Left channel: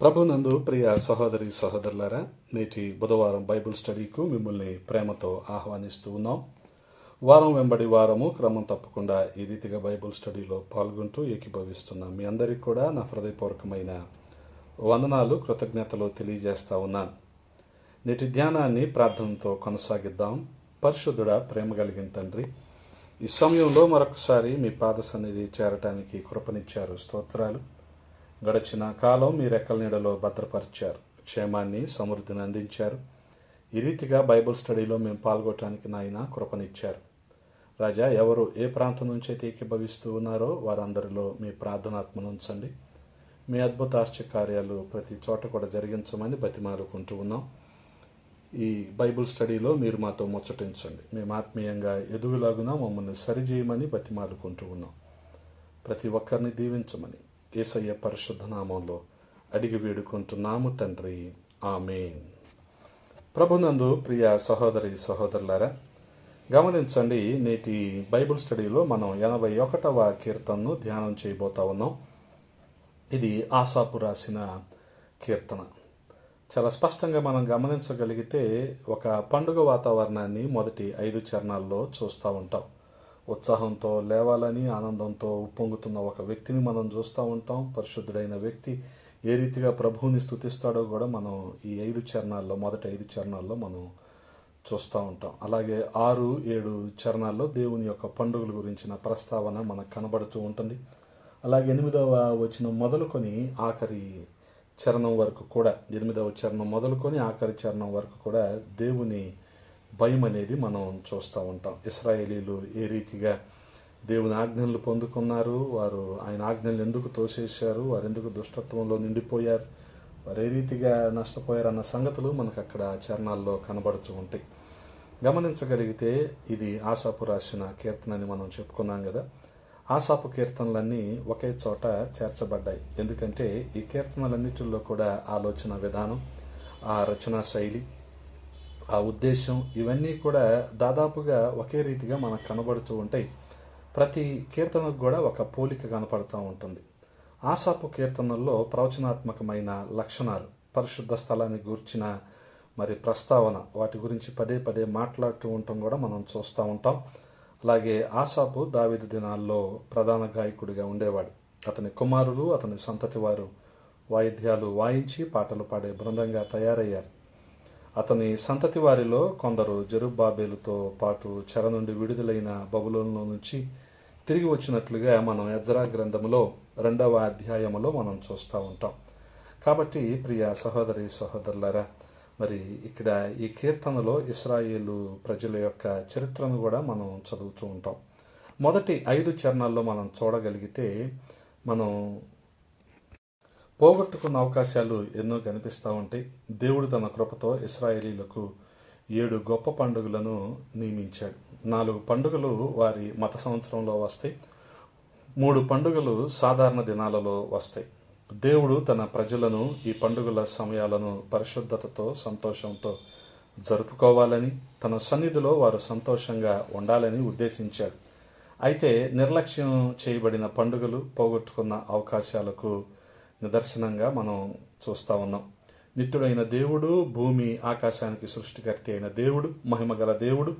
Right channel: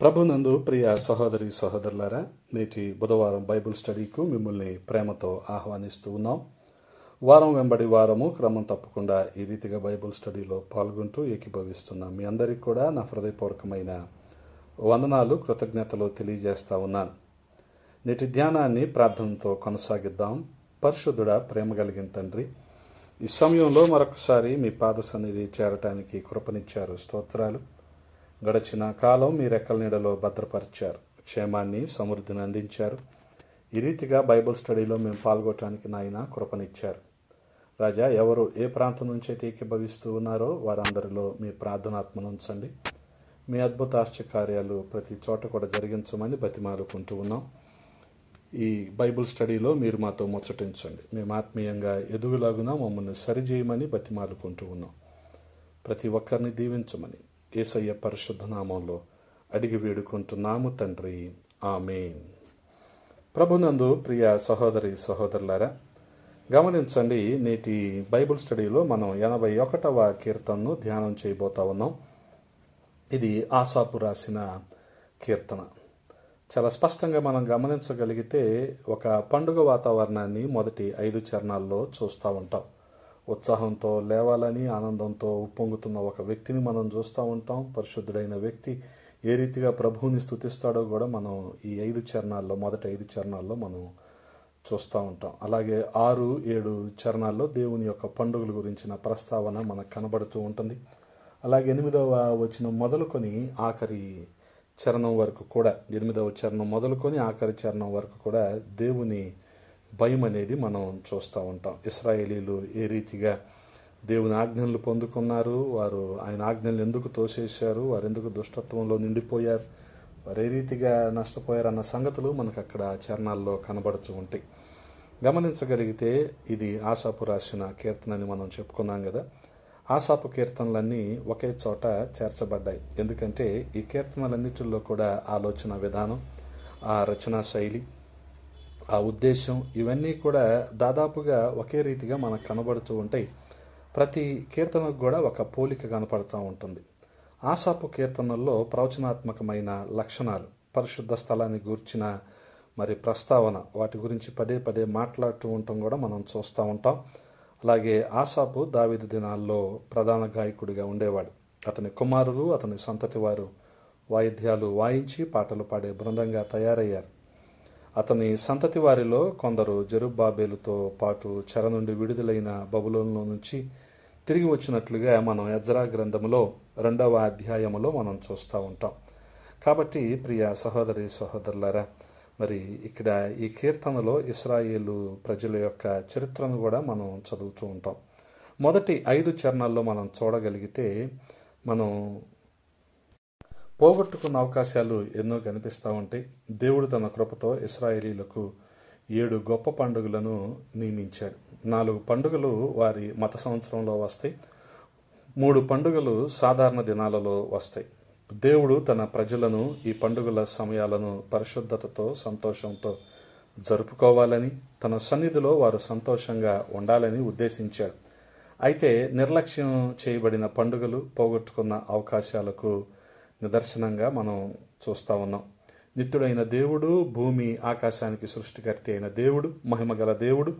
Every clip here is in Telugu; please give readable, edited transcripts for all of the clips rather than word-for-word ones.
ప్రభునందు ప్రియ సహోదరి సహోదరులారా, నేటి బుధవారం బైబిల్ స్టడీకు మిమ్మల్ని ప్రేమతో ఆహ్వానిస్తూ ఉన్నాం. వారం వెంబడి వారము క్రమం తప్పకుండా ఈ రీతిగా బైబిల్ స్టడీలో పాల్గొంటూ ఏకీభవిస్తున్నాం. మీ అందరికీ కూడా నా హృదయపూర్వకమైన వందనాలు, కృతజ్ఞతలు తెలియజేస్తా ఉన్నాను. నేటి ధ్యానాన్ని ప్రార్థనతో కొనసాగిద్దాం. పరిశుద్ధుడా, ప్రేమ కలిగిన తండ్రి, ఈ సమయంలో మరొకసారి మీ పాద సన్నిధి చేరటానికి కృపనిచ్చారు. స్తోత్రాలు. గడిచిన కాలం మీ రెక్కల నీడలో భద్రపరిచారు, క్షేమాన్ని సమృద్ధిని అందించారు. ఈ రీతిగా బైబిల్ స్టడీలో మేము పాల్గొనడానికి నాయన కృపనిచ్చారు. రాజా, ఎవరు ఏ ప్రాంతం నుంచి అయితే ఏకీభవిస్తూ ఉన్నారో వారందరిలో మీ ప్రార్థనాత్మను ఉంచండి. మీ అద్భుత ఆశ్చర్యకార్యాలు ప్రతి చోట కూడా జరిగించమని బతిమాలుకుంటూ ఉన్నాం. ఈ బైబిల్ స్టడీలో మీరు మాతో ముచ్చటించండి. మేము ఆత్మీయంగా ఎదుగులాగున మమ్మల్ని సరిచేయమని బతిమాలుకుంటూ ఉన్నాం. ప్రతి ఒక్కరిని దీవించమని యేసయ్య పరిశుద్ధ నామంలో అడిగి వేడుకుంటున్నాము తండ్రి, ఆమేన్. ప్రభునందు ప్రియ సహోదరి సహోదరులారా, గమనించండి, నేటి బైబిల్ స్టడీలో మనం 81వ కీర్తనను ధ్యానం చేయబోతా ఉన్నాం. ఇది ఆసాపు రాసిన కీర్తన. చాలా స్పష్టంగా మనం గమనించగలిగితే ఒక పండుగ వాతావరణాన్ని మొదటి 5 చరణాల్లో చూస్తూ ఉంటాం. ఉత్సాహంతో లేవాలని ఆనందంతో ఉప్పొంగుతున్న ఒక వ్యక్తిని మనం చూస్తూ ఉంటాం. పరిశుద్ధుడైన వ్యక్తి ఏ రీతిగా ప్రభువుని స్తుతిస్తాడో కూడా మనం ఈ 5 చరణాల్లో, మొదటి 5 చరణాల్లో మనం చూస్తూ ఉంటాం. అలాగే 6, 7 చరణాల్లో దేవుని యొక్క పండుగల గురించిన ప్రస్తావన మనకు కనబడుతూ ఉంటుంది. అలాగే 8వ వచనం మొదలుకొని ఆఖరి చరణం వరకు కూడా, 8వ చరణం మొదలుకొని ఆఖరి చరణం వరకు కూడా దేవుని భయం అనేది మనం చూస్తూ ఉంటాం. ఇశ్రాయేలీలు ఏ రీతిగా దేవుని ఆజ్ఞలు పొందుకున్నారు, వారు ఆయన ఆజ్ఞలు ఎందుకు తోసేశారు, వారు ఎందుకు దుష్టత్వంలో నిండిపోయారు, వారు ఏ రీతిగా నష్టపోయారు అన్న సంగతులు మనకు అక్కడ చరణాల్లో కనబడుతూ ఉంటాయి. గమనించగలిగితే ఇది ఆసాపు రాసిన కీర్తనని మనం చెప్పుకున్నాం కదా. ఆసాపు కీర్తనలన్నీ ఒకే చోట చేర్చబడ్డాయి. ఎందుకంటే ఈ కీర్తనలన్నిటిలో కూడా ఆలోచన విధానం, ఆ రచనా శైలి, ఆ ఉద్దేశం ఇవన్నీ కూడా దాదాపుగా ఒకే రీతిగా మనకు కనబడుతూ ఉంటాయి. ప్రతి కీర్తనకు కూడా ఒక పోలిక కనపడుతూ ఉంటుంది. ఆసాపు కీర్తనల్లో ప్రవచనాత్మకమైన లక్షణాలు, పరిశుద్ధ స్థలాన్ని గూర్చిన ప్రస్తావన, వాటి గురించి పదే పదే మాట్లాడుతూ ఉండటం కూడా మనం చూస్తూ ఉంటాం. అలాగే ఆసాపు దావీదు దినాల్లో ప్రధాన గాయకుడిగా ఉండేవాడు. అతని కుమారులు, అతని సంతతి వారు వాయిద్యాలు వాయించి పాటలు పాడే బృందంగా తయారయ్యారు. అతని సంతతి వారిలో కొందరు జెరుబ్బాబేలుతో పాటు చెర నుండి విడుదలైన బబులోనులో నుంచి తిరిగి వచ్చినట్లుగా మనం ఎజ్రా గ్రంథములో 2వ అధ్యాయములో మనం చూస్తూ ఉంటాం. కాబట్టి ప్రియ సహోదరి సహోదరులారా, ఇక్కడ ఈ కీర్తనలో ఇశ్రాయేలు ప్రజల యొక్క చరిత్రను కూడా మనం చదువుతూ ఉంటాం. మొదటి 5 చరణాల్లో మనం చూడగలిగితే మనం పోగొట్టుకున్న అవకాశాలు ఎన్నో కనిపిస్తూ ఉంటాయి. దేవుడు తన కృపతో ఇశ్రాయేలీలకు 7 గొప్ప పండుగలను నియమించాడు. 4 పండుగలు వారి మత సంవత్సరంలో వస్తాయి, 3 పండుగలు సాధారణ దినాలలో వస్తాయి. దేవుడు తన ప్రజలను ఈ పండుగల సమయాలను పరిశుద్ధతతో, సంతోషంతో జరుపుకోవాలని, తన సన్నిధిలో వారు సంతోషంగా ఉండాలని ఉద్దేశించాడు. అయితే నిర్లక్ష్యం చేయబడిన పండుగలు పోగొట్టుకున్న అవకాశాలకు నిదర్శనంగా మనం చూస్తూ ఉన్నాం. నిత్యుడైన దేవుడు, భూమి ఆకాశానికి సృష్టికర్త అయిన దేవుడు, మహిమగల దేవుడు,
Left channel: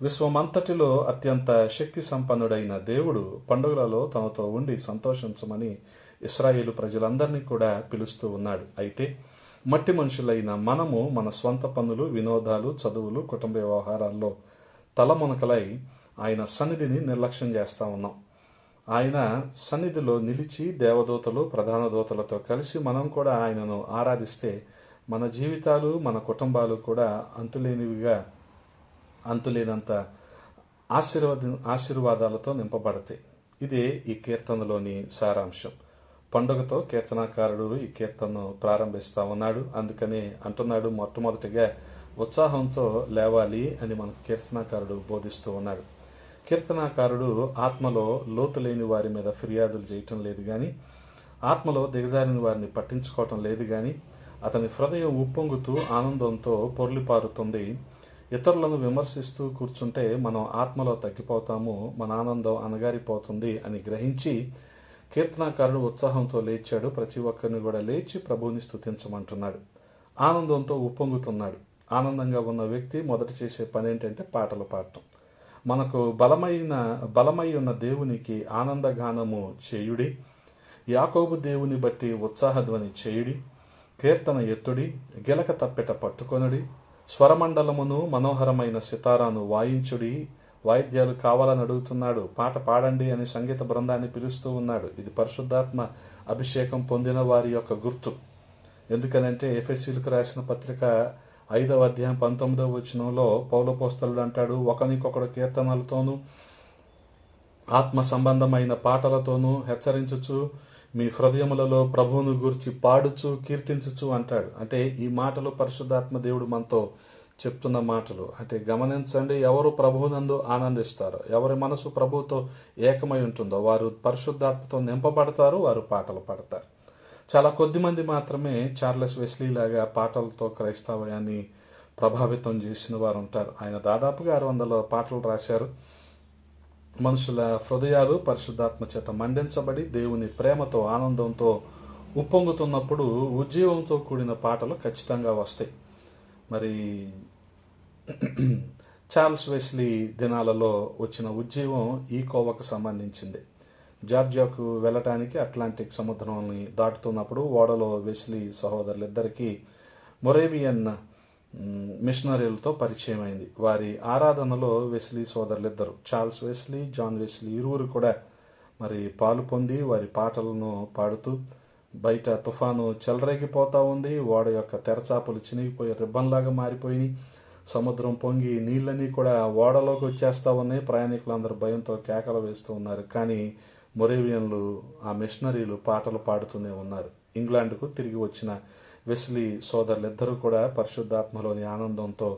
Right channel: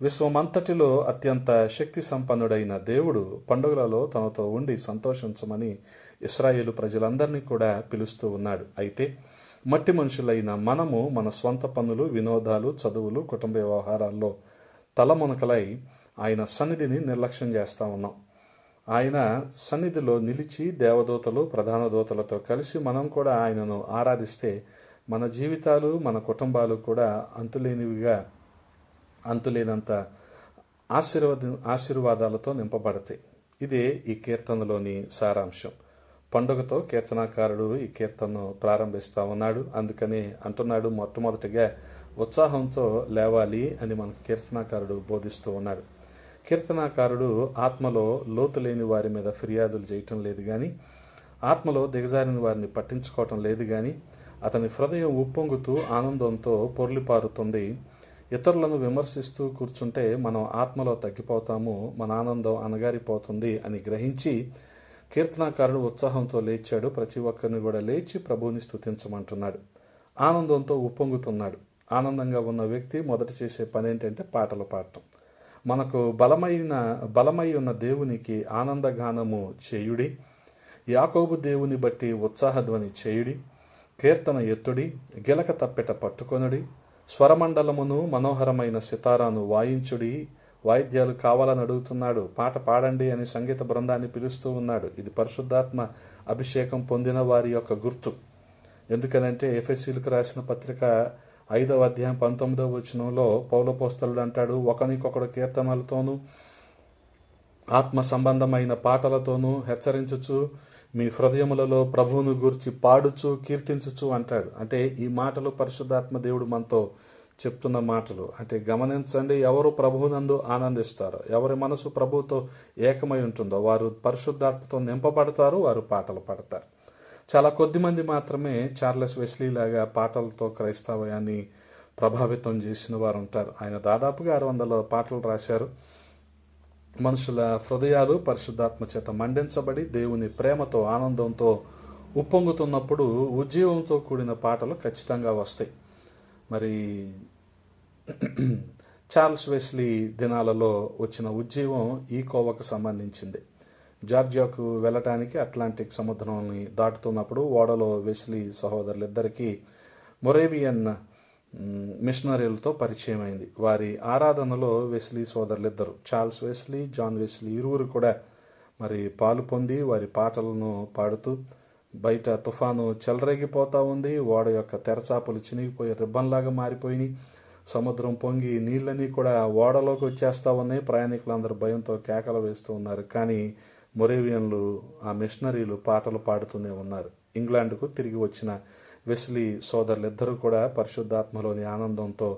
విశ్వమంతటిలో అత్యంత శక్తి సంపన్నుడైన దేవుడు పండుగలలో తనతో ఉండి సంతోషించమని ఇశ్రాయేలు ప్రజలందరినీ కూడా పిలుస్తూ ఉన్నాడు. అయితే మట్టి మనుషులైన మనము మన స్వంత పనులు, వినోదాలు, చదువులు, కుటుంబ వ్యవహారాల్లో తలమునకలై ఆయన సన్నిధిని నిర్లక్ష్యం చేస్తూ ఉన్నాం. ఆయన సన్నిధిలో నిలిచి దేవదూతలు, ప్రధాన దూతలతో కలిసి మనం కూడా ఆయనను ఆరాధిస్తే మన జీవితాలు, మన కుటుంబాలు కూడా అంతులేనంత ఆశీర్వాదాలతో నింపబడతాయి. ఇదే ఈ కీర్తనలోని సారాంశం. పండుగతో కీర్తనాకారుడు ఈ కీర్తనను ప్రారంభిస్తూ ఉన్నాడు. అందుకని అంటున్నాడు, మొట్టమొదటిగా ఉత్సాహంతో లేవాలి అని మనకు కీర్తనాకారుడు బోధిస్తూ ఉన్నాడు. కీర్తనాకారుడు ఆత్మలో లోతు లేని వారి మీద ఫిర్యాదులు చేయటం లేదు కానీ, ఆత్మలో దిగజారిన వారిని పట్టించుకోవటం లేదు కానీ, అతని హృదయం ఉప్పొంగుతూ ఆనందంతో పొర్లిపారుతుంది. ఇతరులను విమర్శిస్తూ కూర్చుంటే మనం ఆత్మలో తగ్గిపోతాము, మన ఆనందం అణగారిపోతుంది అని గ్రహించి కీర్తనాకారుడు ఉత్సాహంతో లేచాడు. ప్రతి ఒక్కరిని కూడా లేచి ప్రభువుని స్తుతించమంటున్నాడు. ఆనందంతో ఉప్పొంగుతున్నాడు. ఆనందంగా ఉన్న వ్యక్తి మొదట చేసే పని ఏంటంటే పాటలు పాడటం. మనకు బలమై ఉన్న దేవునికి ఆనందగానము చేయుడి, యాకోబు దేవుని బట్టి ఉత్సాహధ్వని చేయుడి, కీర్తన ఎత్తుడి, గిలక తప్పెట పట్టుకొనుడి, స్వరమండలమును మనోహరమైన సితారాను వాయించుడి. వాయిద్యాలు కావాలని అడుగుతున్నాడు. పాట పాడండి అని సంగీత బృందాన్ని పిలుస్తూ ఉన్నాడు. ఇది పరిశుద్ధాత్మ అభిషేకం పొందిన వారి యొక్క గుర్తు. ఎందుకనంటే ఎఫెసీయులకు రాసిన పత్రిక 5వ అధ్యాయం 19వ వచనంలో పౌలపోస్తలుడు అంటాడు, ఒకనికొకడు కీర్తనలతోనూ ఆత్మ సంబంధమైన పాటలతోనూ హెచ్చరించుచు మీ హృదయములలో ప్రభువును గూర్చి పాడుచు కీర్తించుచు అంటాడు. అంటే ఈ మాటలు పరిశుద్ధాత్మ దేవుడు మనతో చెప్తున్న మాటలు. అంటే గమనించండి, ఎవరు ప్రభువునందు ఆనందిస్తారో, ఎవరి మనసు ప్రభువుతో ఏకమై ఉంటుందో వారు పరిశుద్ధాత్మతో నింపబడతారు, వారు పాటలు పాడతారు. చాలా కొద్ది మంది మాత్రమే చార్లెస్ వెస్లీ లాగా పాటలతో క్రైస్తవాన్ని ప్రభావితం చేసిన వారు ఉంటారు. ఆయన దాదాపుగా 600 పాటలు రాశారు. మనుషుల హృదయాలు పరిశుద్ధాత్మ చేత మండించబడి దేవుని ప్రేమతో ఆనందంతో ఉప్పొంగుతున్నప్పుడు ఉజ్జీవంతో కూడిన పాటలు ఖచ్చితంగా వస్తాయి. మరి చార్లెస్ వెస్లీ దినాలలో వచ్చిన ఉజ్జీవం ఈ కోవకు సంబంధించింది. జార్జియాకు వెళ్ళటానికి అట్లాంటిక్ సముద్రాన్ని దాటుతున్నప్పుడు ఓడలో వెస్లీ సహోదరులిద్దరికీ మొరేవియన్ మిషనరీలతో పరిచయం అయింది. వారి ఆరాధనలో వెస్లీ సోదరులిద్దరు, చార్లెస్ వెస్లీ, జాన్ వెస్లీ, ఇరువురు కూడా మరి పాలు పొంది వారి పాటలను పాడుతూ, బయట తుఫాను చెలరేగిపోతా ఉంది, ఓడ యొక్క తెరచాపలు చినిగిపోయి రిబ్బన్లాగా మారిపోయి, సముద్రం పొంగి నీళ్ళని కూడా ఓడలోకి వచ్చేస్తా ఉన్నాయి. ప్రయాణికులందరూ భయంతో కేకలు వేస్తూ ఉన్నారు. కానీ మొరేవియన్లు, ఆ మిషనరీలు పాటలు పాడుతూనే ఉన్నారు. ఇంగ్లాండ్కు తిరిగి వచ్చిన వెస్లీ సోదరులిద్దరూ కూడా పరిశుద్ధాత్మలోని ఆనందంతో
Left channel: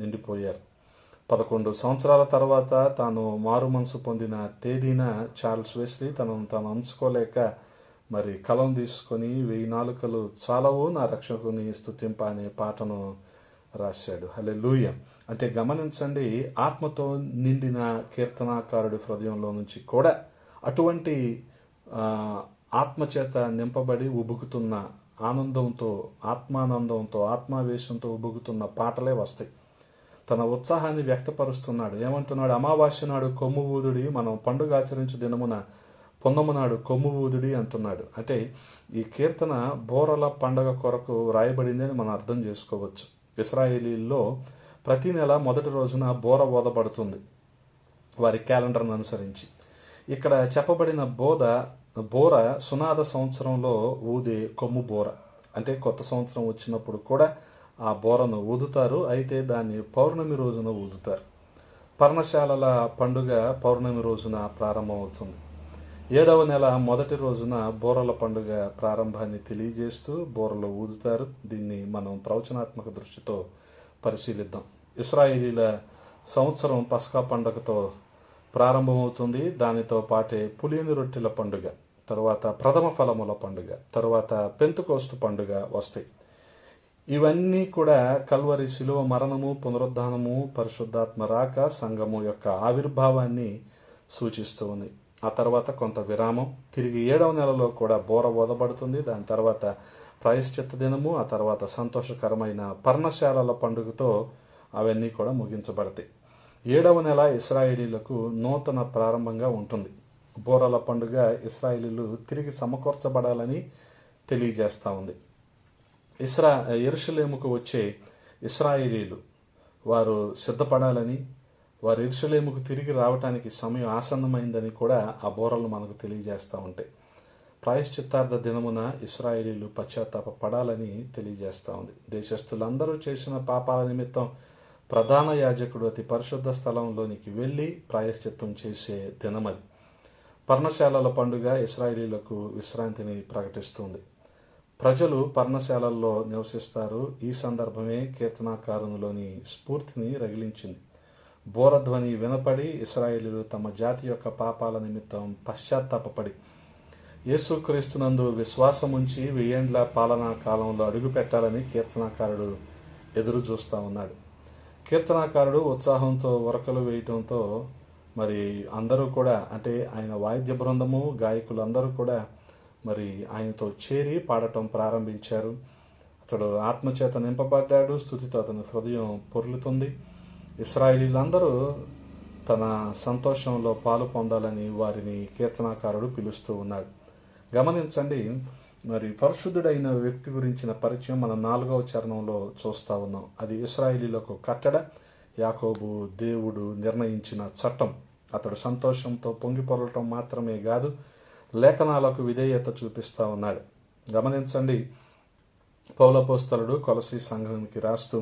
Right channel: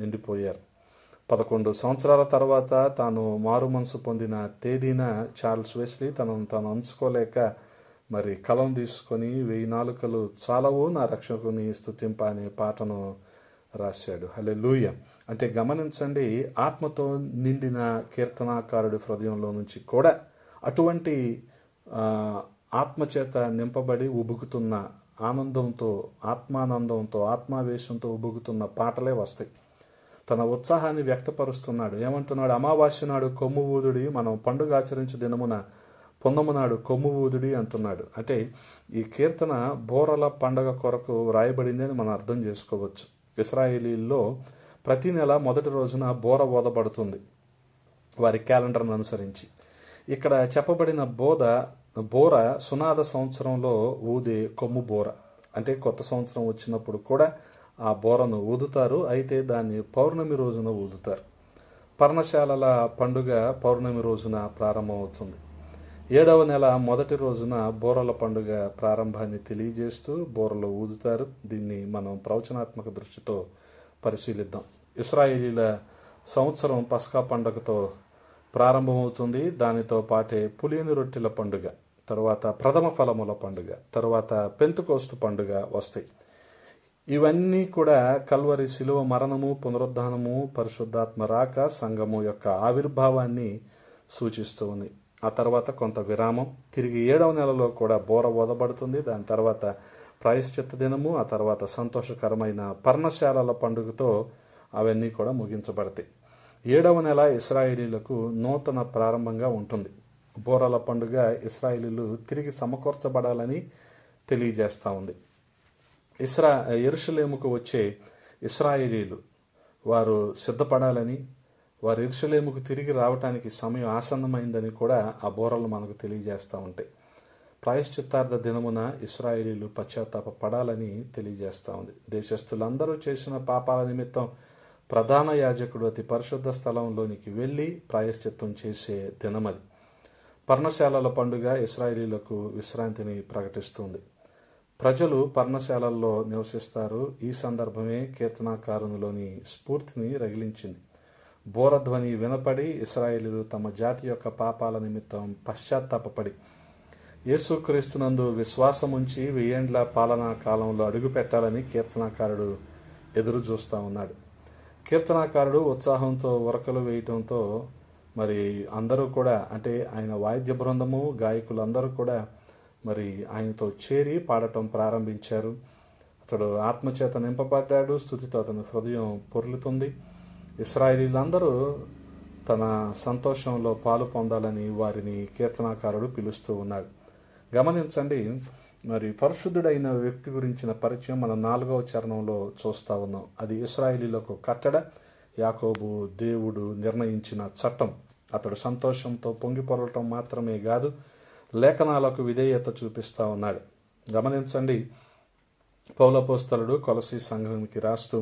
నిండిపోయారు. 11 సంవత్సరాల తర్వాత తాను మారు మనసు పొందిన తేదీన చార్లెస్ వెస్లీ తనను తాను అంచుకోలేక మరి కలం తీసుకొని 1000 నాలుకలు చాలవు నా రక్షకుని స్తుతింప అనే పాటను రాశాడు. హల్లెలూయా. అంటే గమనించండి, ఆత్మతో నిండిన కీర్తనాకారుడి హృదయంలో నుంచి కూడా అటువంటి ఆత్మచేత నింపబడి ఉబుకుతున్న ఆనందంతో, ఆత్మానందంతో, ఆత్మావేశంతో ఉబుకుతున్న పాటలే వస్తాయి. తన ఉత్సాహాన్ని వ్యక్తపరుస్తున్నాడు. ఏమంటున్నాడు? అమావాస్య నాడు కొమ్ము ఊదుడి, మనం పండుగ ఆచరించు దినమున పొందమునాడు కొమ్ము ఊదుడి అంటున్నాడు. అంటే ఈ కీర్తన బోరల పండగ కొరకు రాయబడింది అని మనం అర్థం చేసుకోవచ్చు. ఇశ్రాయేలీల్లో ప్రతి నెల మొదటి రోజున బోర ఓదబడుతుంది వారి క్యాలెండర్ను అనుసరించి. ఇక్కడ చెప్పబడిన బోర సునాద సంవత్సరంలో ఊదే కొమ్ము బోర. అంటే కొత్త సంవత్సరం వచ్చినప్పుడు కూడా ఆ బోరను ఊదుతారు. అయితే దాన్ని పౌర్ణమి రోజున ఊదుతారు. పర్ణశాలల పండుగ పౌర్ణమి రోజున ప్రారంభమవుతుంది. 7వ నెల మొదటి రోజున బోరల పండుగ ప్రారంభాన్ని తెలియజేస్తూ బోరలు ఊదుతారు. దీన్ని మనం ప్రవచనాత్మక దృష్టితో పరిశీలిద్దాం. ఇశ్రాయేలీల సంవత్సరం పస్కా పండుగతో ప్రారంభమవుతుంది. దానితో పాటే పులిని రొట్టెల పండుగ, తర్వాత ప్రథమ ఫలముల పండుగ, తర్వాత పెంతెకోస్తు పండుగ వస్తాయి. ఇవన్నీ కూడా కల్వరి శిలువ మరణము, పునరుద్ధానము, పరిశుద్ధాత్మ రాక, సంఘము యొక్క ఆవిర్భావాన్ని సూచిస్తూ ఉంది. ఆ తర్వాత కొంత విరామం. తిరిగి 7వ నెలలో కూడా బోర ఓదబడుతుంది. దాని తర్వాత ప్రాయశ్చిత్త దినము, ఆ తర్వాత సంతోషకరమైన పర్ణశాలల పండుగతో అవన్నీ కూడా ముగించబడతాయి. 7వ నెల ఇశ్రాయేలీలకు నూతన ప్రారంభంగా ఉంటుంది. బోరల పండుగ ఇశ్రాయేలీలు తిరిగి సమకూర్చబడాలని తెలియజేస్తూ ఉంది. యెరూషలేముకు వచ్చే ఇశ్రాయేలీలు వారు సిద్ధపడాలని, వారు యెరూషలేముకు తిరిగి రావటానికి సమయం ఆసన్నమైందని కూడా ఆ బోరలు మనకు తెలియజేస్తూ ఉంటాయి. ప్రాయశ్చిత్తార్థ దినమున ఇశ్రాయేలీలు పశ్చాత్తాప పడాలని తెలియజేస్తూ ఉంది. దేశస్థులందరూ చేసిన పాపాల నిమిత్తం ప్రధాన యాజకుడు అతి పరిశుద్ధ స్థలంలోనికి వెళ్ళి ప్రాయశ్చిత్తం చేసే దినమది. పర్ణశాలల పండుగ ఇశ్రాయేలీలకు విశ్రాంతిని ప్రకటిస్తుంది. ప్రజలు పర్ణశాలల్లో నివసిస్తారు. ఈ సందర్భమే కీర్తనాకారునిలోని స్ఫూర్తిని రగిలించింది. బోరధ్వని వినపడి ఇశ్రాయేలీలు తమ జాతి యొక్క పాపాల నిమిత్తం పశ్చాత్తాపపడి యేసుక్రీస్తునందు విశ్వాసముంచి 1000 ఏండ్ల పాలనా కాలంలో అడుగు పెట్టాలని కీర్తనాకారుడు ఎదురు చూస్తూ ఉన్నాడు. కీర్తనాకారుడు ఉత్సాహంతో ఉరకలు వేయటంతో మరి అందరూ కూడా అంటే ఆయన వాయిద్య బృందము గాయకులు అందరూ కూడా మరి ఆయనతో చేరి పాడటం ప్రారంభించారు. అతడు ఆత్మచేత నింపబడ్డాడు, స్తుతితో అతని హృదయం పొర్లుతుంది. ఇశ్రాయేలీలందరూ తన సంతోషంలో పాలు పొందాలని వారిని కీర్తనాకారుడు పిలుస్తూ ఉన్నాడు. గమనించండి, మరి పరిశుద్ధుడైన వ్యక్తి గురించిన పరిచయం మనం 4వ చరణంలో చూస్తా ఉన్నాం. అది ఇశ్రాయేలీలకు కట్టడ, యాకోబు దేవుడు నిర్ణయించిన చట్టం. అతడు సంతోషంతో పొంగిపొరలటం మాత్రమే కాదు, లేఖనాలకు విధేయత చూపిస్తా ఉన్నాడు. గమనించండి, పౌలపోస్తలుడు కొలసీ సంఘానికి రాస్తూ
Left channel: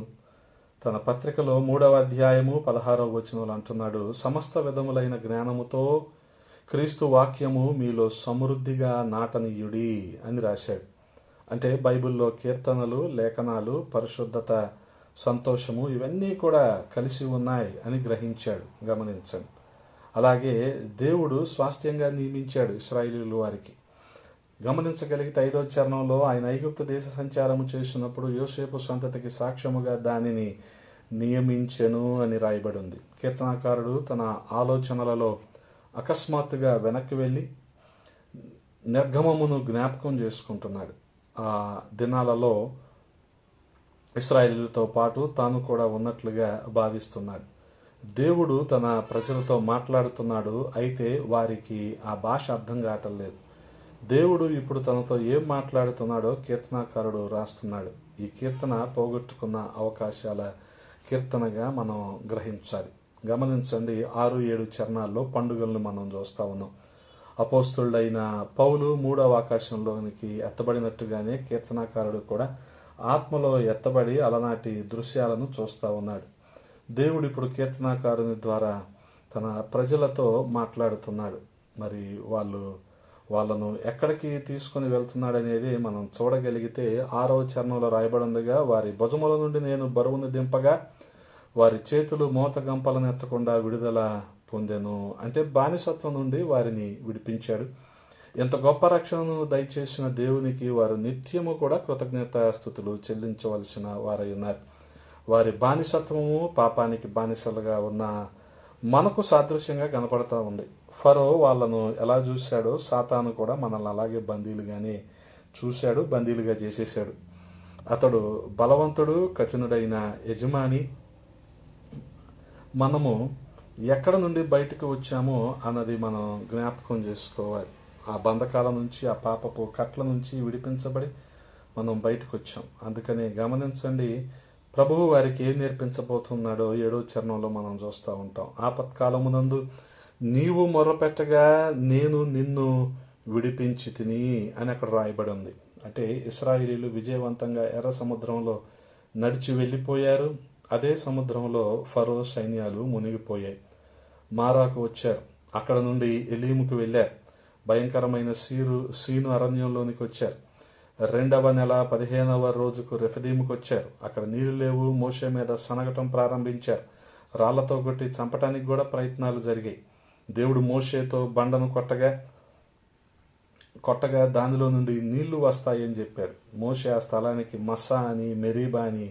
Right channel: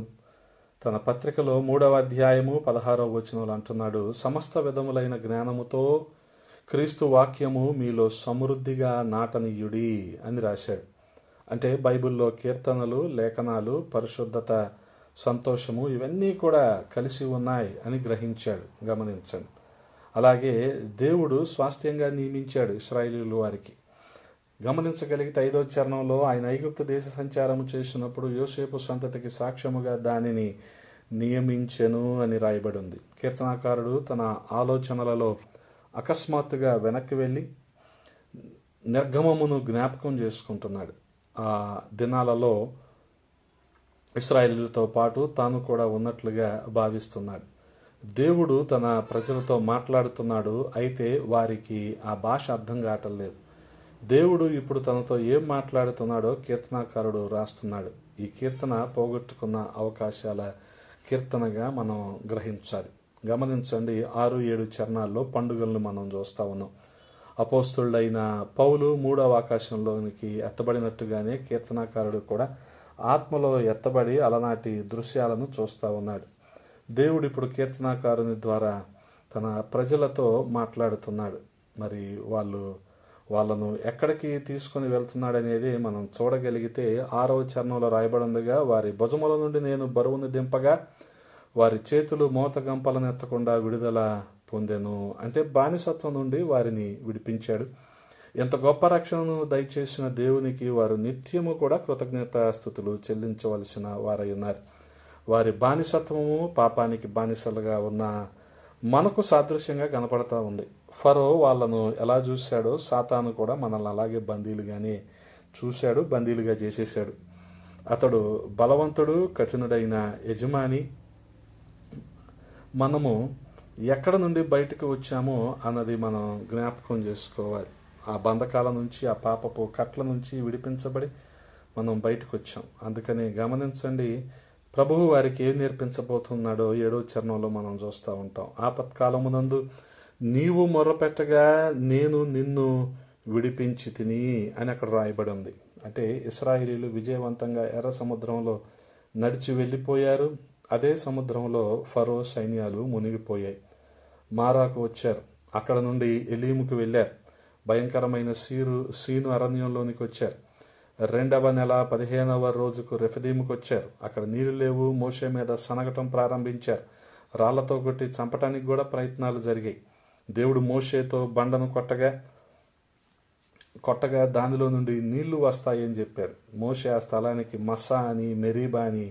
తన పత్రికలో 3వ అధ్యాయము 16వ వచనంలో అంటున్నాడు, సమస్త విధములైన జ్ఞానముతో క్రీస్తు వాక్యము మీలో సమృద్ధిగా నాటనీయుడి అని రాశాడు. అంటే బైబిల్లో కీర్తనలు, లేఖనాలు, పరిశుద్ధత, సంతోషము ఇవన్నీ కూడా కలిసి ఉన్నాయి అని గ్రహించాడు. గమనించండి, అలాగే దేవుడు స్వాస్థ్యంగా నియమించాడు ఇశ్రాయేలీయుల వారికి. గమనించగలిగితే 5వ చరణంలో ఆయన ఐగుప్తు దేశ సంచారము చేసినప్పుడు యోసేపు సంతతికి సాక్ష్యముగా దానిని నియమించెను అని రాయబడి ఉంది. కీర్తనాకారుడు తన ఆలోచనలలో అకస్మాత్తుగా వెనక్కి వెళ్ళి నిర్గమమును జ్ఞాపకం చేసుకుంటున్నాడు. ఆ దినాలలో ఇశ్రాయేలీయులతో పాటు తాను కూడా ఉన్నట్లుగా భావిస్తున్నాడు. దేవుడు తన ప్రజలతో మాట్లాడుతున్నాడు, అయితే వారికి ఆ భాష అర్థం కావట్లేదు. దేవుడు ఇప్పుడు తనతో ఏం మాట్లాడుతున్నాడో కీర్తనాకారుడు రాస్తున్నాడు. ఈ కీర్తన పోగొట్టుకున్న అవకాశాల కీర్తనగా మనం గ్రహించాలి. గమనించండి, 6-7 చరణాల్లో పండుగలను మనం చూస్తా ఉన్నాం. అపోస్తులుడైన పౌలు 3వ ఆకాశంలోనికి ఎత్తబడినట్టుగానే కీర్తనాకారుడు కూడా ఆత్మలో ఎత్తబడి అలనాటి దృశ్యాలను చూస్తా ఉన్నాడు. దేవుడు ఇప్పుడు కీర్తనాకారుని ద్వారా తన ప్రజలతో మాట్లాడుతున్నాడు. మరి వాళ్ళను ఎక్కడికి తీసుకుని వెళ్తున్నాడనేది మనం చూడగలిగితే 6వ చరణంలో రాయబడిందిగా, వారి భుజముల నుండి నేను బరువును దింపగా వారి చేతులు మోతగంపలను ఎత్తకుండా విడుదల పొందెను. అంటే బానిసత్వం నుండి వారిని విడిపించాడు. ఎంత గొప్ప రక్షణను దయచేసిన దేవునికి వారు నిత్యము కూడా కృతజ్ఞతాస్తుతులు చెల్లించవలసిన వారై ఉన్నారు. వారి బానిసత్వము పాపానికి బానిసలుగా ఉన్న మనకు సాదృశ్యంగా కనపడతా ఉంది. ఫరో వాళ్ళను ఎలా చూశాడో సాతాను కూడా మనల్ని అలాగే బందీలుగానే చూశాడు, బందీలుగా చేసేశాడు. అతడు బలవంతుడు, కఠినుడైన యజమాని. మనము ఎక్కడ నుండి బయటకు వచ్చామో అన్నది మనం జ్ఞాపకం చేసుకోవాలి. ఆ బంధకాల నుంచి, ఆ పాపపు కట్ల నుంచి విడిపించబడి మనం బయటకు వచ్చాం. అందుకని గమనించండి, ప్రభువు వారికి ఏం నేర్పించబోతున్నాడో 7వ చరణంలో మనం చూస్తూ ఉంటాం. ఆపత్కాలమునందు నీవు మొర్రపెట్టగా నేను నిన్ను విడిపించి తిని అని అక్కడ రాయబడి ఉంది. అంటే ఇశ్రాయేలీయులు విజయవంతంగా ఎర్ర సముద్రంలో నడిచి వెళ్ళిపోయారు. అదే సముద్రంలో ఫరో సైన్యాలు మునిగిపోయాయి. మారాకు వచ్చారు, అక్కడ నుండి ఎలీముకు వెళ్ళారు, భయంకరమైన సీను అరణ్యంలోనికి వచ్చారు. 2వ నెల 15వ రోజుకు రెఫదీముకు వచ్చారు. అక్కడ నీళ్లు లేవు, మోషే మీద సనగటం ప్రారంభించారు. రాళ్లతో కొట్టి చంపటానికి కూడా ప్రయత్నాలు జరిగాయి. దేవుడు మోషేతో బండను కొట్టగా దానిలో నుండి నీళ్లు వస్తాయని చెప్పాడు. మోషే ఆ స్థలానికి మస్సా అని, మెరీబా అని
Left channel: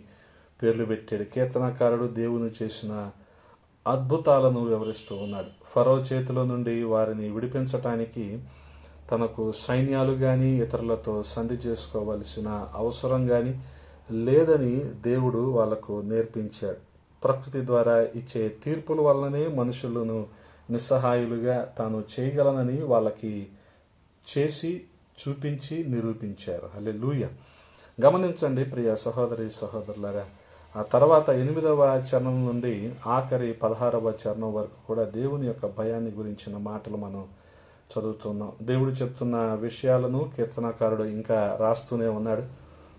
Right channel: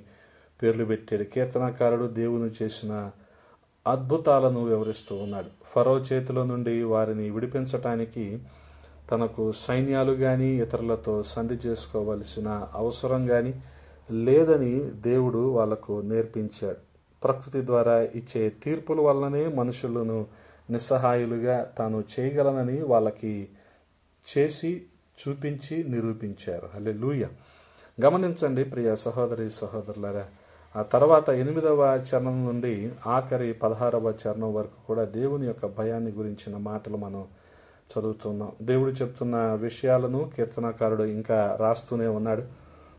పేర్లు పెట్టాడు. కీర్తనకారుడు దేవుని చేసిన అద్భుతాలను వివరిస్తూ ఉన్నాడు. ఫరో చేతిలో నుండి వారిని విడిపించటానికి తనకు సైన్యాలు గాని ఇతరులతో సంధి చేసుకోవలసిన అవసరం గాని లేదని దేవుడు వాళ్లకు నేర్పించాడు. ప్రకృతి ద్వారా ఇచ్చే తీర్పుల వల్లనే మనుషులను నిస్సహాయులుగా తాను చేయగలనని వాళ్ళకి చేసి చూపించి నిరూపించారు. హల్లెలూయా. గమనించండి ప్రియ సహోదరి సహోదరులారా, ఆ తర్వాత 8వ చరణం నుండి ఆఖరి 16వ చరణం వరకు కూడా దేవుని యొక్క భయాన్ని గురించిన మాటలు మనం చదువుతున్నాం. దేవుడు చెప్తున్న విషయాలను కీర్తనకారుడు ఇంకా రాస్తూనే ఉన్నాడు.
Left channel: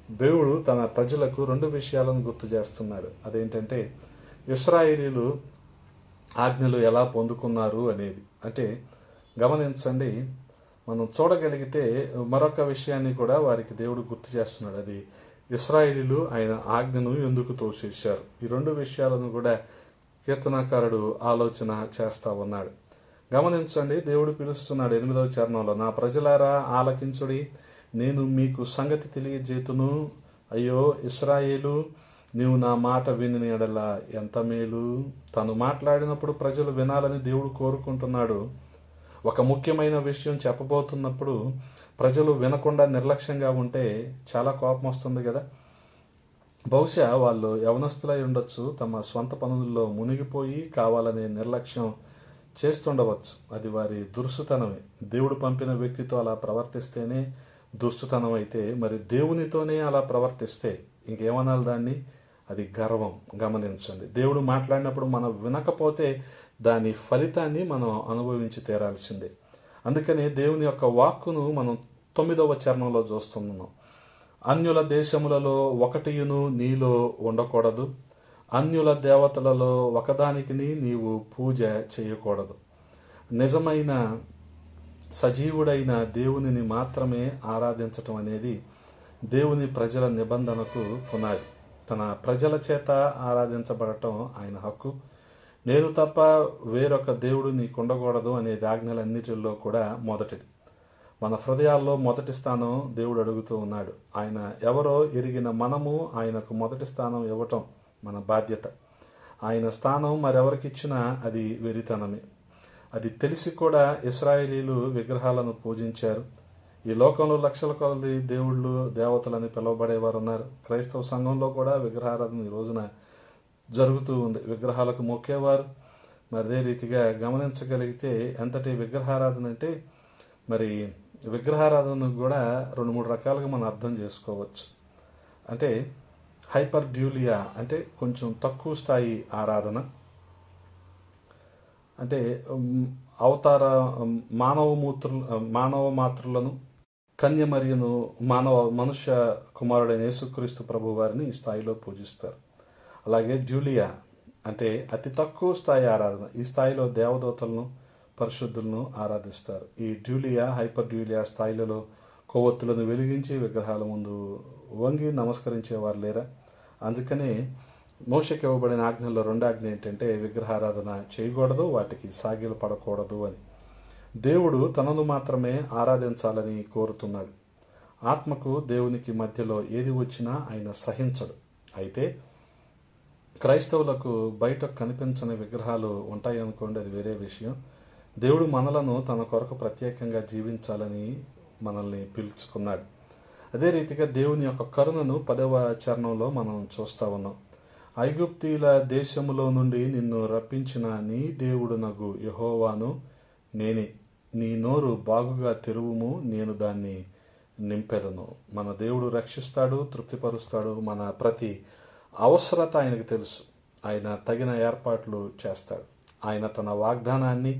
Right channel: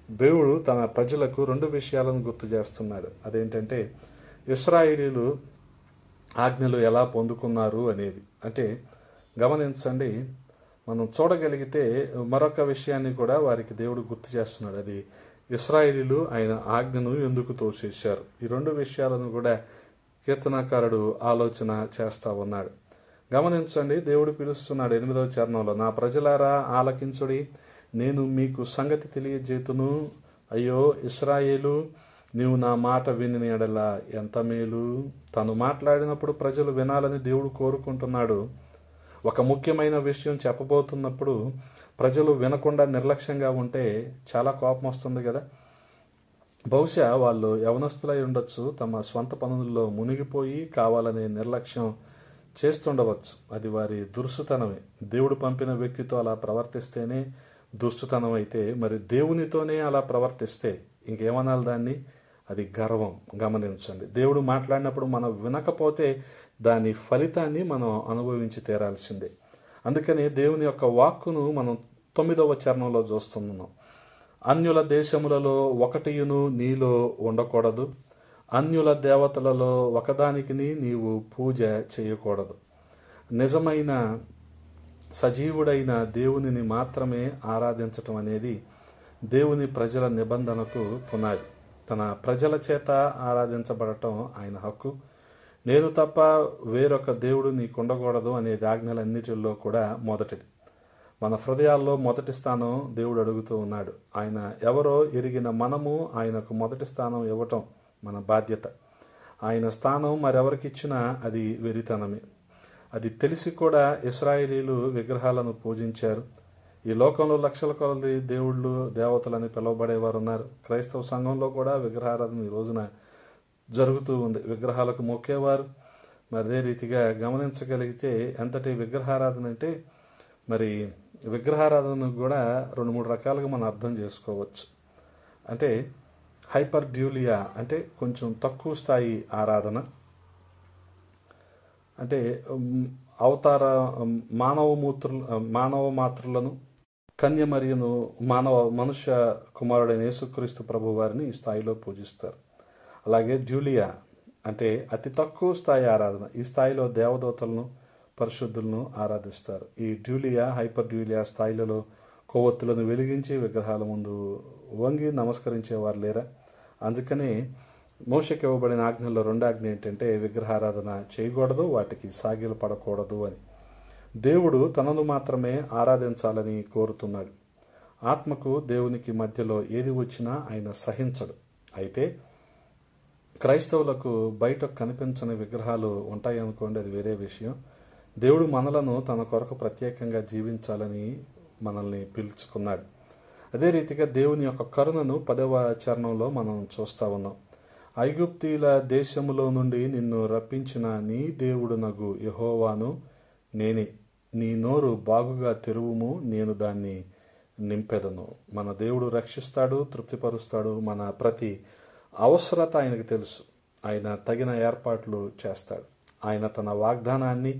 దేవుడు తన ప్రజలకు 2 విషయాలను గుర్తు చేస్తున్నాడు. అదేంటంటే ఇశ్రాయేలీయులు ఆజ్ఞలు ఎలా పొందుకున్నారు అనేది. అంటే గమనించండి, మనం చూడగలిగితే మరొక విషయాన్ని కూడా వారికి దేవుడు గుర్తు చేస్తున్నాడు. అది ఇశ్రాయేలీయులు ఆయన ఆజ్ఞను ఎందుకు తోసేశారు. ఈ 2 విషయాలను కూడా కీర్తనకారుడు ఆలోచన చేస్తా ఉన్నాడు. గమనించండి, దేవుడు పిలుస్తున్నాడు 8వ చరణంలో, నా ప్రజలారా ఆలకించుడి, నేను మీకు సంగతి తెలియజేతును. అయ్యో ఇశ్రాయేలు, నీవు నా మాట విని ఎడల ఎంత మేలు. తను మాట్లాడినప్పుడు ప్రజలు వినాలని దేవుడు కోరుకుంటున్నాడు. ఒక ముఖ్యమైన విషయం చెప్పబోతున్నప్పుడు ప్రజలు వినకుండా నిర్లక్ష్యంగా ఉంటే చాలా కోపం వస్తుంది కదా. బహుశా వాళ్ళు యవనస్తులై ఉండొచ్చు, తమ స్వంత పనుల్లో మునిగిపోయి కావాలనే నిర్లక్ష్యం చేస్తుండవచ్చు. అది వారి దురుసుతనమే. దేవుడు పంపిన వ్యక్తితో అలా ప్రవర్తిస్తేనే దురుసుతనం అయితే, మరి దేవునితోనే అలా ప్రవర్తిస్తే ఇంకేమనాలి దాన్ని? అది గర్వం. గమనించండి, దేవుడు మాట్లాడినప్పుడు మనం వినకపోతే దాని ఫలితాన్ని మనం అనుభవించి తీరాల్సిందే. అందుకని దేవుని యొక్క వాక్కును మనం 9వ చరణంలో చూస్తున్నాం. అన్యుల దేశములలో ఒకటియును నీలో ఉండకూడదు, అన్యుల దేవతలలో ఒకదానికి నీవు పూజ చేయకూడదు. నిజమైన సజీవుడైన దేవునిని మాత్రమే ఆరాధించటం అనేది దేవుని ప్రజల నిబంధనకు పునాది. తన ప్రజల చేత ఆరాధించబడటం ఆయన హక్కు. నేను తప్ప వేరొక దేవుడు నీకుండకూడదు అనే ఆజ్ఞలన్నిటిలో కూడా మొదటిది. మన హృదయాల్లో మొదటి స్థానం దేవుడు అడుగుతూ ఉన్నాడు. ఆయన ఎవరో ఎరిగిన మనము ఆయనకు మొదటి స్థానం ఇవ్వటం మన బాధ్యత. ఆయన స్థానం మరెవరికిచ్చినా అది వెరితనమే. అది తెలిసి కూడా ఇశ్రాయేలీలు విగ్రహాలను పూజించారు. ఈ లోకంలో లక్షల కొలది దేవుళ్ళు దేవతలని పిలువబడేవారు ఉన్నారు. క్రైస్తవ సంఘంలో కూడా విగ్రహారాధన ఈ రోజున జరుగుతూ ఉంది. విగ్రహాలకు మొక్కేవారు. మరి అదే రీతిగా గమనించగలిగితే ఎంతటి విగ్రహారాధన అంటే, మరి విగ్రహారాధనకు కూడా 2-3 రకాలుగా మనం అర్థం చేసుకోవచ్చు. అంటే హైపర్ డ్యూలియా అంటే కొంచెం తక్కువ స్థాయి ఆరాధన, అంటే అవతార మానవ మాతృలను కన్యమరియను మనుష్య కుమారుడైన యేసుక్రీస్తు ప్రభు వారిని ఈ స్థాయిలో పూజిస్తారు. అలాగే డ్యూలియా అంటే అతి తక్కువ స్థాయి ఆరాధన. ఈ స్థాయిలో దేవదూతలను పరిశుద్ధులను ఆరాధిస్తారు. ఈ డ్యూలియా హైపర్ డ్యూలియా స్థాయిలలో కొవ్వొత్తులను వెలిగించి విగ్రహాల ముందు వంగి నమస్కరించేవారు లేరా. అందుకనే మోషేకి ఇవ్వబడిన ఆజ్ఞల్లో 2 ఆజ్ఞ ఏంటంటే విగ్రహారాధన చేయకూడదు, వాటికి సాగిలు పడకూడదు అని. దేవుడు తనను మాత్రమే ఆరాధించాలని కోరుతున్నాడు. ఆత్మకు దేవునికి మధ్యలో ఏది వచ్చినా ఆయన సహించడు. అయితే క్రైస్తవులకు బయట కనిపించని విగ్రహాలు ఉంటాయనుకోండి, అది వేరే విషయం. దేవుడు మనలను తన కొరకు ప్రత్యేకంగా జీవించాలని మనల్ని పిలుచుకున్నాడు. అదే రీతిగా దేవుని యొక్క కరుణను 10వ చరణంలో మనం చూస్తూ ఉన్నాం. ఐగుప్తీల దేశములో నుండి నిన్ను రప్పించిన నీ దేవుడునగు యెహోవాను నేనే. నీ నోరు బాగుగా తెరువుము, నేను దాన్ని నింపెదను. మన దేవుడు రక్షిస్తాడు, తృప్తిపరుస్తాడు. మన ప్రతి అవసరత ఆయనకు తెలుసు. ఆయన తగిన ఏర్పాట్లు చేస్తాడు. ఆయన తన వాగ్దానాన్ని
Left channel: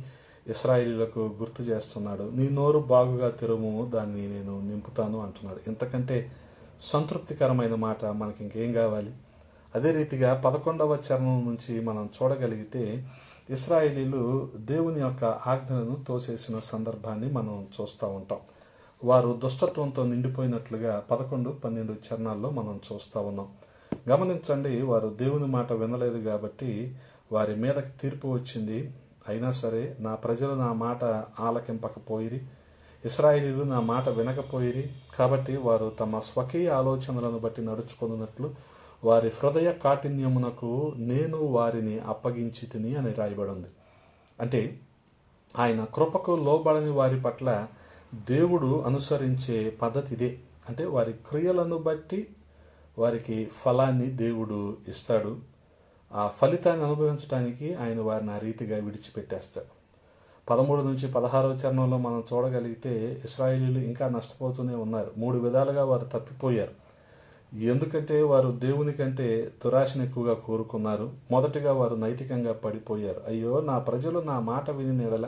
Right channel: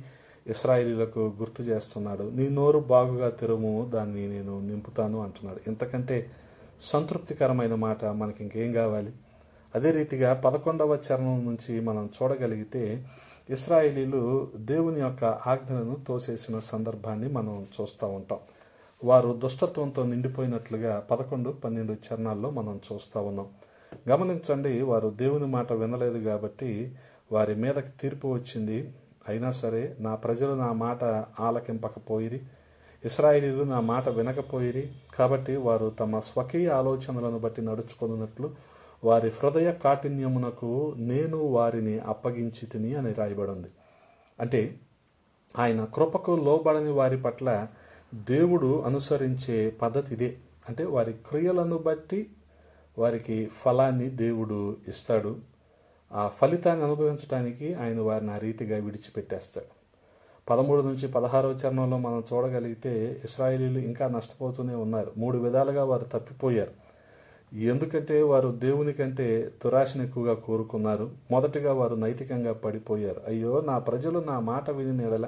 ఇశ్రాయేలీయులకు గుర్తు చేస్తున్నాడు. నీ నోరు బాగుగా తెరుము, దాన్ని నేను నింపుతాను అంటున్నాడు. ఇంతకంటే సంతృప్తికరమైన మాట మనకి ఇంకేం కావాలి? అదే రీతిగా 11వ చరణం నుంచి మనం చూడగలిగితే ఇశ్రాయేలీలు దేవుని యొక్క ఆజ్ఞలను తోసేసిన సందర్భాన్ని మనం చూస్తూ ఉంటాం. వారు దుష్టత్వంతో నిండిపోయినట్లుగా 11, 12 చరణాల్లో మనం చూస్తూ ఉన్నాం. గమనించండి, వారు దేవుని మాట వినలేదు కాబట్టి వారి మీదకి తీర్పు వచ్చింది. అయినా సరే నా ప్రజలు నా మాట ఆలకింపకపోయిరి, ఇశ్రాయేలీలు నా మాట వినకపోయిరి. కాబట్టి వారు తమ స్వకీయ ఆలోచనలను బట్టి నడుచుకున్నట్లు వారి హృదయ కాఠిన్యమునకు నేను వారిని అప్పగించి తిని అని రాయబడింది. అంటే ఆయన కృపకు లోబడని వారి పట్ల దేవుడు అనుసరించే పద్ధతి ఇదే. అంటే వారి క్రియలను బట్టి వారికి ఫలాన్ని దేవుడు ఇస్తాడు. ఆ ఫలితాన్ని అనుభవించడానికి ఆయన వారిని ఆ రీతిగా విడిచిపెట్టేస్తాడు. 13 నుంచి 16వ చరణంలో మనం చూడగలిగితే ఇశ్రాయేలీలు ఇంకా నష్టపోతూనే ఉన్నారు. 3 విధాలుగా వారు తప్పిపోయారు. ఎందుకంటే వారు దేవుని కంటే దురాశను ఎక్కువగా కోరుకున్నారు. మొదటిగా వారు నైతికంగా పడిపోయారు. అయ్యో, నా ప్రజలు నా మాట విని ఎడల,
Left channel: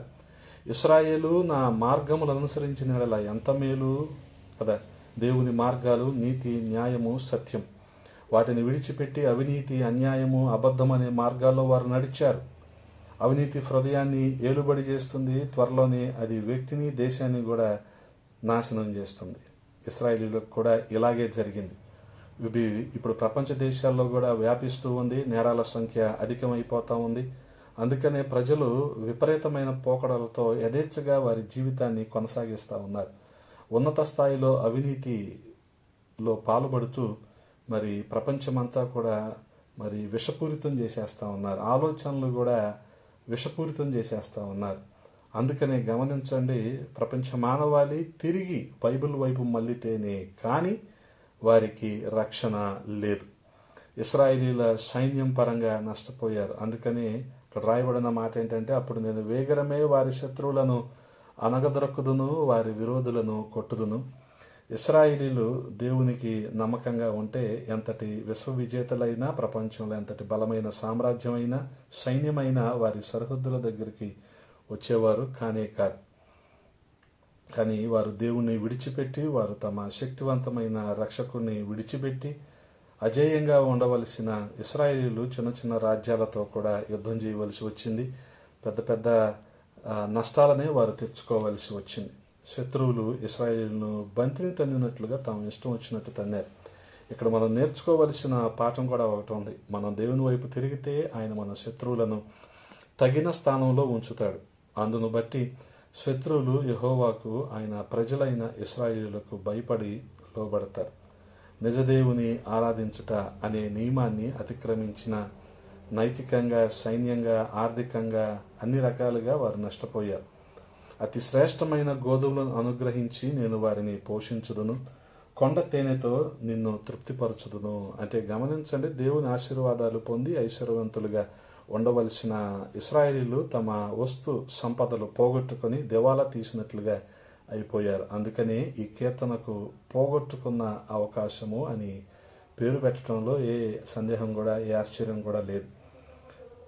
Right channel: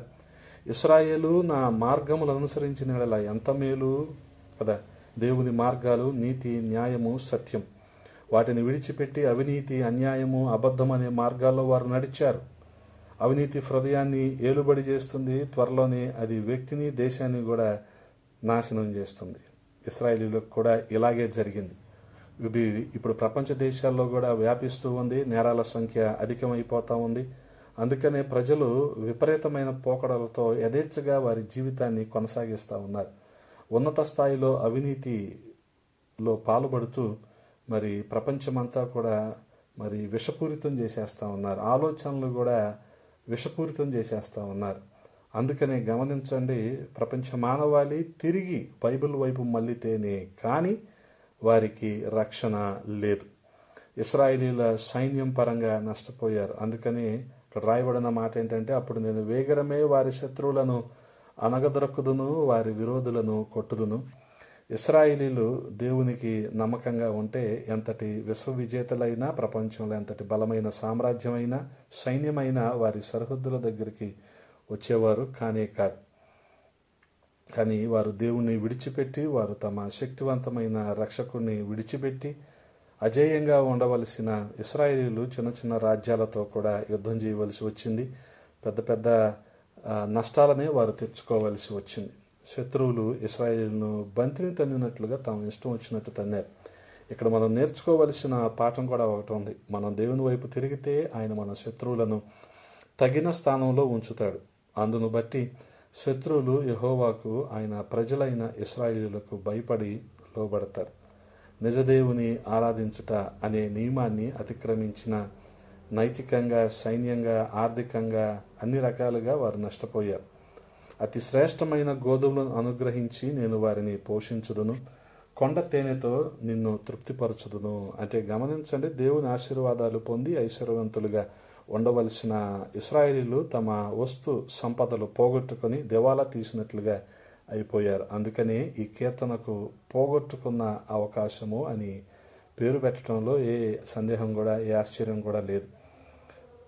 ఇశ్రాయేలు నా మార్గములు అనుసరించిన ఎడల ఎంత మేలు కదా. దేవుని మార్గాలు నీతి, న్యాయము, సత్యం. వాటిని విడిచిపెట్టి అవినీతి, అన్యాయము, అబద్ధం అనే మార్గాల్లో వారు నడిచారు. అవినీతి హృదయాన్ని ఏలుబడి చేస్తుంది. త్వరలోనే అది వ్యక్తిని, దేశాన్ని కూడా నాశనం చేస్తుంది. ఇశ్రాయేలీలకు కూడా ఇలాగే జరిగింది. ఇది ఇప్పుడు ప్రపంచ దేశాల్లో కూడా వ్యాపిస్తూ ఉంది. నేరాల సంఖ్య అధికమైపోతూ ఉంది. అందుకనే ప్రజలు విపరీతమైన పోకడలతో యథేచ్ఛగా వారి జీవితాన్ని కొనసాగిస్తూ ఉన్నారు. ఉన్నత స్థాయిలో అవినీతిలో పాల్పడుతూ మరి ప్రపంచమంతా కూడా మరి విషపూరితం చేసేస్తూ ఉన్నారు. ఆలోచనలు కూడా విషపూరితం చేసేస్తూ ఉన్నారు. అందుకనే గమనించండి, ప్రపంచ మానవాళి తిరిగి బైబిల్ వైపు మళ్ళితేనే కానీ వారికి రక్షణ లేదు. ఇశ్రాయేలీల సైన్యం పరంగా నష్టపోయారు. అందుకని ఇక్కడ రాయబడిన మాట ఏంటంటే, అప్పుడు నేను వేగరమే వారి శత్రువులను అనగదొరకుదును, వారి విరోధులను కొట్టుదును. ఇశ్రాయేలీలు దేవునికి నమ్మకంగా ఉంటే ఎంతటి విశ్వవిజేతలైనా, ప్రపంచంలో ఎంతటి బలమైన సామ్రాజ్యమైనా, సైన్యమైనా వారి సరిహద్దుల దగ్గరికి వచ్చేవారు కానే కాదు. కానీ వారు దేవుణ్ణి విడిచిపెట్టి, వారు తమ శక్తివంతమైన రక్షకుని విడిచిపెట్టి అజేయంగా ఉండవలసిన ఇశ్రాయేలీలు చిన్న చిన్న రాజ్యాలతో కూడా యుద్ధం చేయవలసి వచ్చింది. పెద్ద పెద్ద నష్టాలనే వారు తెచ్చుకోవలసి వచ్చింది. శత్రువులు ఇశ్రాయేలును బంతిని తన్నినట్లుగా తమ ఇష్టం వచ్చినట్టు తన్నారు. ఇక్కడ మనం నేర్చుకోవలసిన పాఠం కూడా ఒకటి ఉంది. మనం దేవుని వైపు తిరిగితే ఆయన మన శత్రువులను తగిన స్థానంలో ఉంచుతాడు. అందును బట్టి శత్రువులు యెహోవాకు, ఆయన ప్రజలైన ఇశ్రాయేలులకు భయపడి లోబడతారు. నిజదేవుని ఆరాధించుట అనే నియమాన్ని అతిక్రమించిన నైతికంగా, సైన్యంగా, ఆర్థికంగా అన్ని రకాలుగా వారు నష్టపోయారు. అతి శ్రేష్టమైన గోధుమలను అనుగ్రహించి నేను వారిని పోషించుదును, కొండ తేనెతో నిన్ను తృప్తిపరచుదును. అంటే గమనించండి, దేవుని ఆశీర్వాదాలు పొంది ఐశ్వర్యవంతులుగా ఉండవలసిన ఇశ్రాయేలీలు తమ వస్తు సంపదలు పోగొట్టుకొని దివాలా తీసినట్లుగా అయిపోయారు. అందుకని ఈ కీర్తనకు పోగొట్టుకున్న అవకాశము అని పేరు పెట్టడంలో ఏ సందేహం కూడా, ఏ ఆశ్చర్యం కూడా లేదు.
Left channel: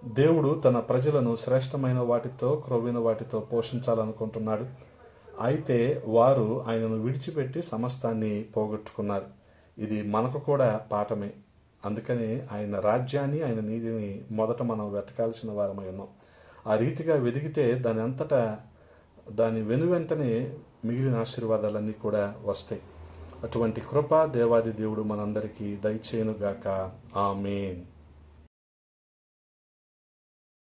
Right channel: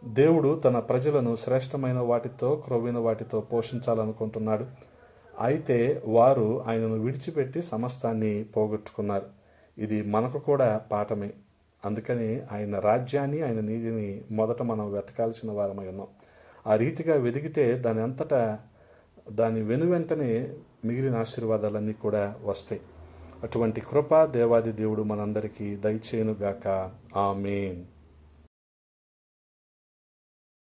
దేవుడు తన ప్రజలను శ్రేష్టమైన వాటితో, క్రొవ్విన వాటితో పోషించాలనుకుంటున్నాడు. అయితే వారు ఆయనను విడిచిపెట్టి సమస్తాన్ని పోగొట్టుకున్నారు. ఇది మనకు కూడా పాఠమే. అందుకని ఆయన రాజ్యాన్ని, ఆయన నీతిని మొదట మనం వెతకాల్సిన వారమై ఉన్నాం. ఆ రీతిగా వెతికితే దాని వెనువెంటనే మిగిలిన ఆశీర్వాదాలన్నీ కూడా వస్తాయి. అటువంటి కృప దేవాది దేవుడు మనందరికీ దయచేయునుగాక. ఆమేన్.